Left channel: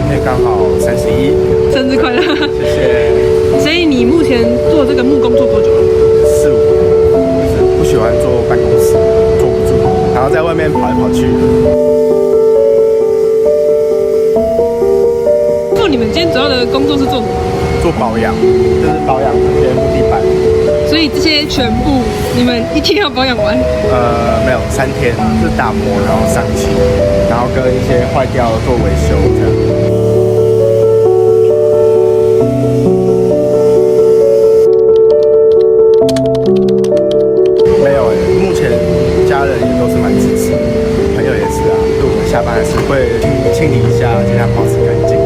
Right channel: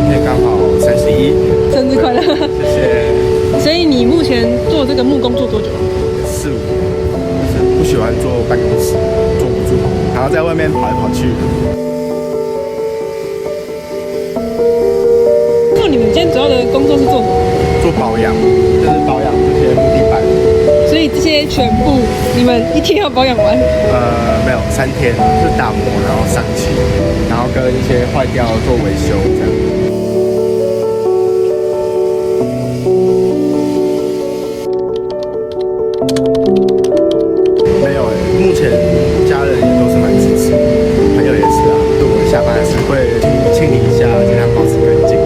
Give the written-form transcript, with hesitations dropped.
今天刚好31，生日快乐！谢谢。所以你目前做这个木工做多久了4、5年，就是不喜欢坐办公室，坐不住，然后在外面跑来跑去。你们今天主要的工作是做什么？做保养，就是保养这些木地板。所以这些全部你们一天要保养完？没有，3天，是打磨，然后上漆，然后跟一些坏掉做维修这样。没有目前家人也都是蛮支持的，朋友也是啊。就我们下班还是会清理一下，尽量保持干净。